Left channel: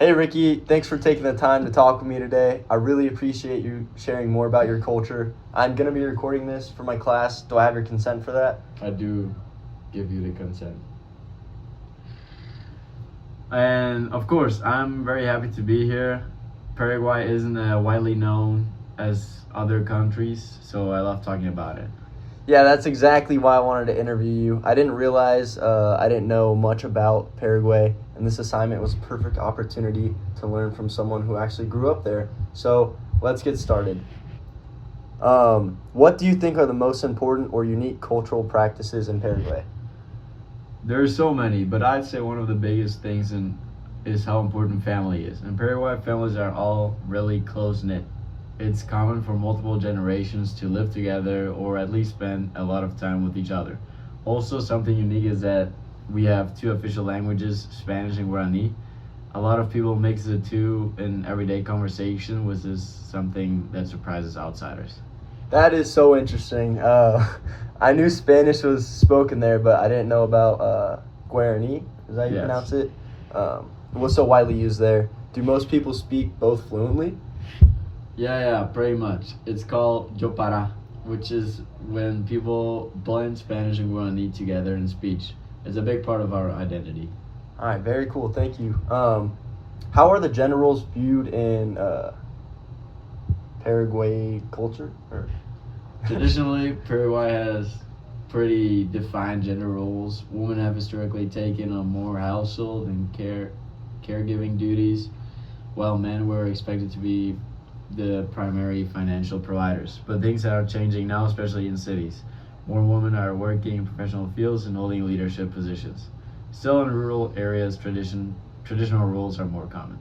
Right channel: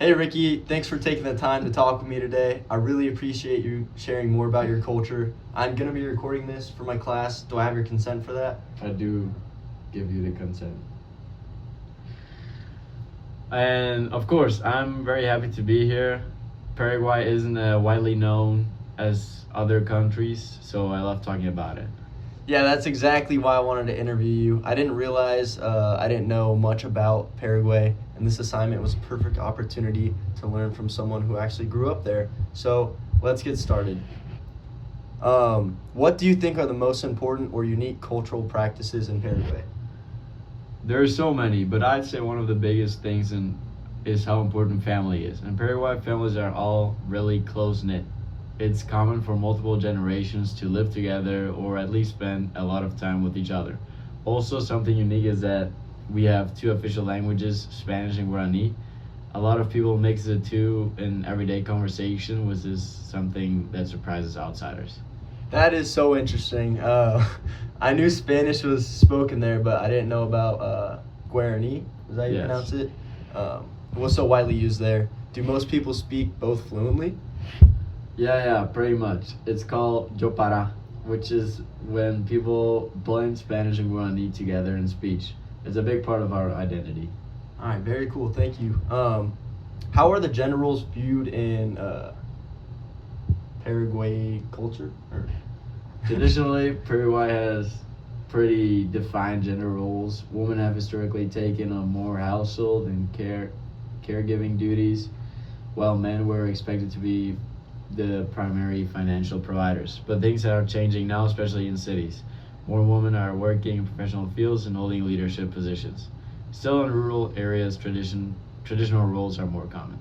Hey Ricky, thanks for taking the time to talk with me today. I really appreciate you sharing more about your culture. I'm going to be recording this for my class. Do I have your consent for that? I do give you the consent. And of course, I'm very happy to be here. Paraguay isn't widely known as other countries, so I love talking about it. Yeah, that's exactly why I wanted to interview you. I didn't realize I didn't know much about Paraguay, and this assignment was a perfect opportunity to learn from someone who actually grew up there. So let's get started. What do you think are the most important or unique cultural practices in Paraguay? There are so many, but I'd say one of the biggest things is how important family is. In Paraguay, families are all really close knit. It's common for multiple generations to live together or at least spend a lot of time with each other. Also, something unique is that we have two official languages, Spanish and Guarani. A lot of people mix the two in everyday conversation, which is something that surprises outsiders. That is so interesting. I knew Spanish was spoken there, but I didn't know about Guarani. Is that how you Yes. pronounce it? What's so widely used there? Do most people speak both fluently? Yeah, pretty much. It's called Jopara, which is when people blend Spanish and Guarani together in speech. It's a big part of our identity. All right, very cool. Thank you. How are the generals viewed in Paraguay culture? Traditionally, Paraguay has pretty defined gender roles. Women have historically taken on more household and caregiving duties, while men were expected to be the primary financial providers. But things are changing now, especially in cities. More women are working in professional fields and holding leadership positions. Still, in rural areas, traditional roles are more common.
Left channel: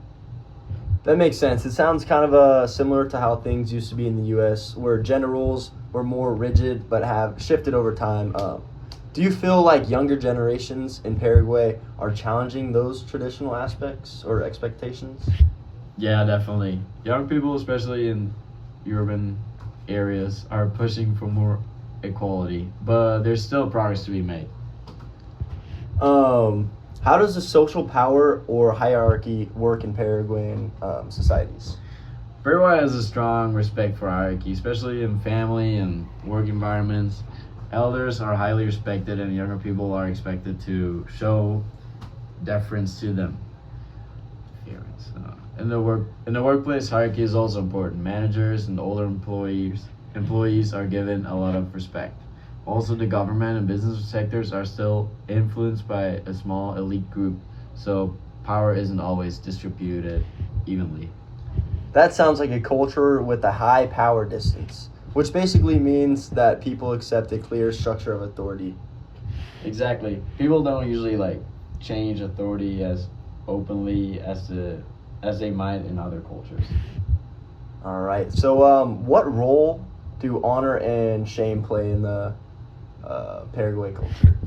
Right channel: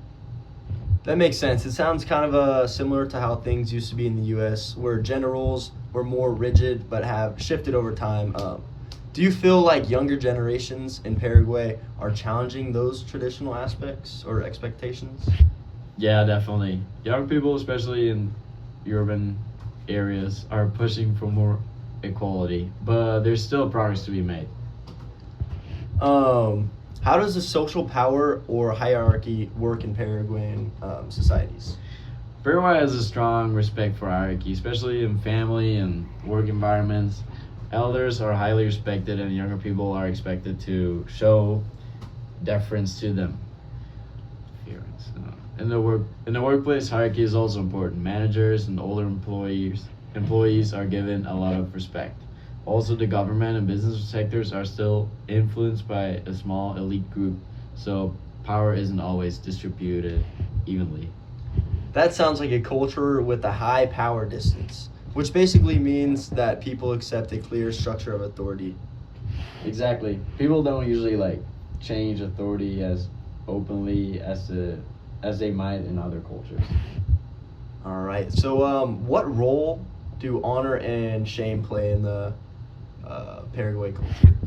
That makes sense. It sounds kind of similar to how things used to be in the U.S., where gender roles were more rigid but have shifted over time. Do you feel like younger generations in Paraguay are challenging those traditional aspects or expectations? Yeah, definitely. Young people, especially in urban areas, are pushing for more equality, but there's still progress to be made. How does the social power or hierarchy work in Paraguayan societies? Paraguay has a strong respect for hierarchy, especially in family and work environments. Elders are highly respected, and younger people are expected to show deference to them. In the workplace, hierarchy is also important. Managers and older employees are given a lot of respect. Also, the government and business sectors are still influenced by a small elite group, so power isn't always distributed evenly. That sounds like a culture with a high power distance, which basically means that people accept a clear structure of authority. Exactly. People don't usually change authority as openly as they might in other cultures. All right. So, what role do honor and shame play in the Paraguay culture?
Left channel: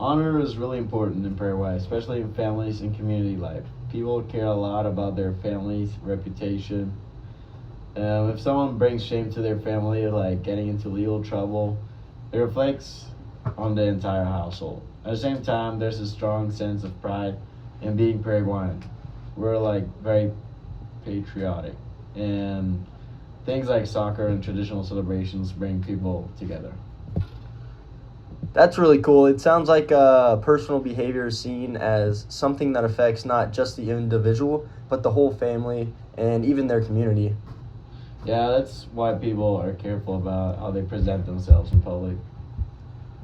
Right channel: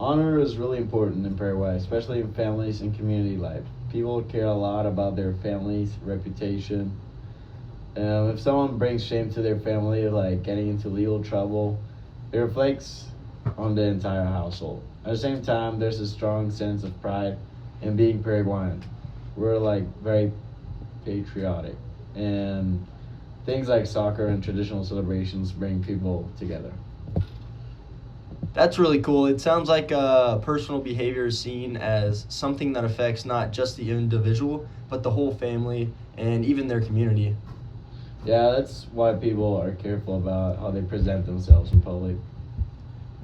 Honor is really important in Paraguay, especially in families and community life. People care a lot about their family's reputation. If someone brings shame to their family, like getting into legal trouble, it reflects on the entire household. At the same time, there's a strong sense of pride in being Paraguayan. We're very patriotic, and things like soccer and traditional celebrations bring people together. That's really cool. It sounds like personal behavior is seen as something that affects not just the individual, but the whole family and even their community. Yeah, that's why people are careful about how they present themselves in public.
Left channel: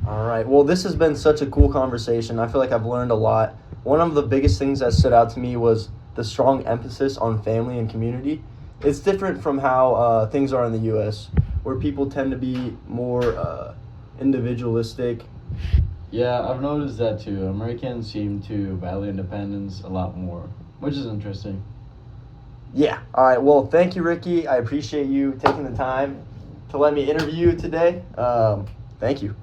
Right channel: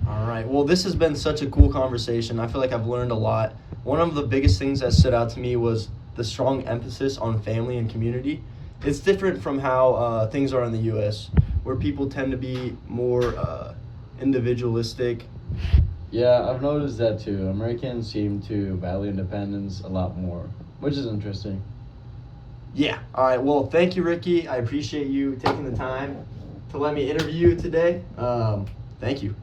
All right. Well, this has been such a cool conversation. I feel like I've learned a lot. One of the biggest things that stood out to me was the strong emphasis on family and community. It's different from how things are in the U.S., where people tend to be more individualistic. Yeah, I've noticed that too. Americans seem to value independence a lot more, which is interesting. Yeah. All right. Well, thank you, Ricky. I appreciate you taking the time to let me interview you today. Thank you.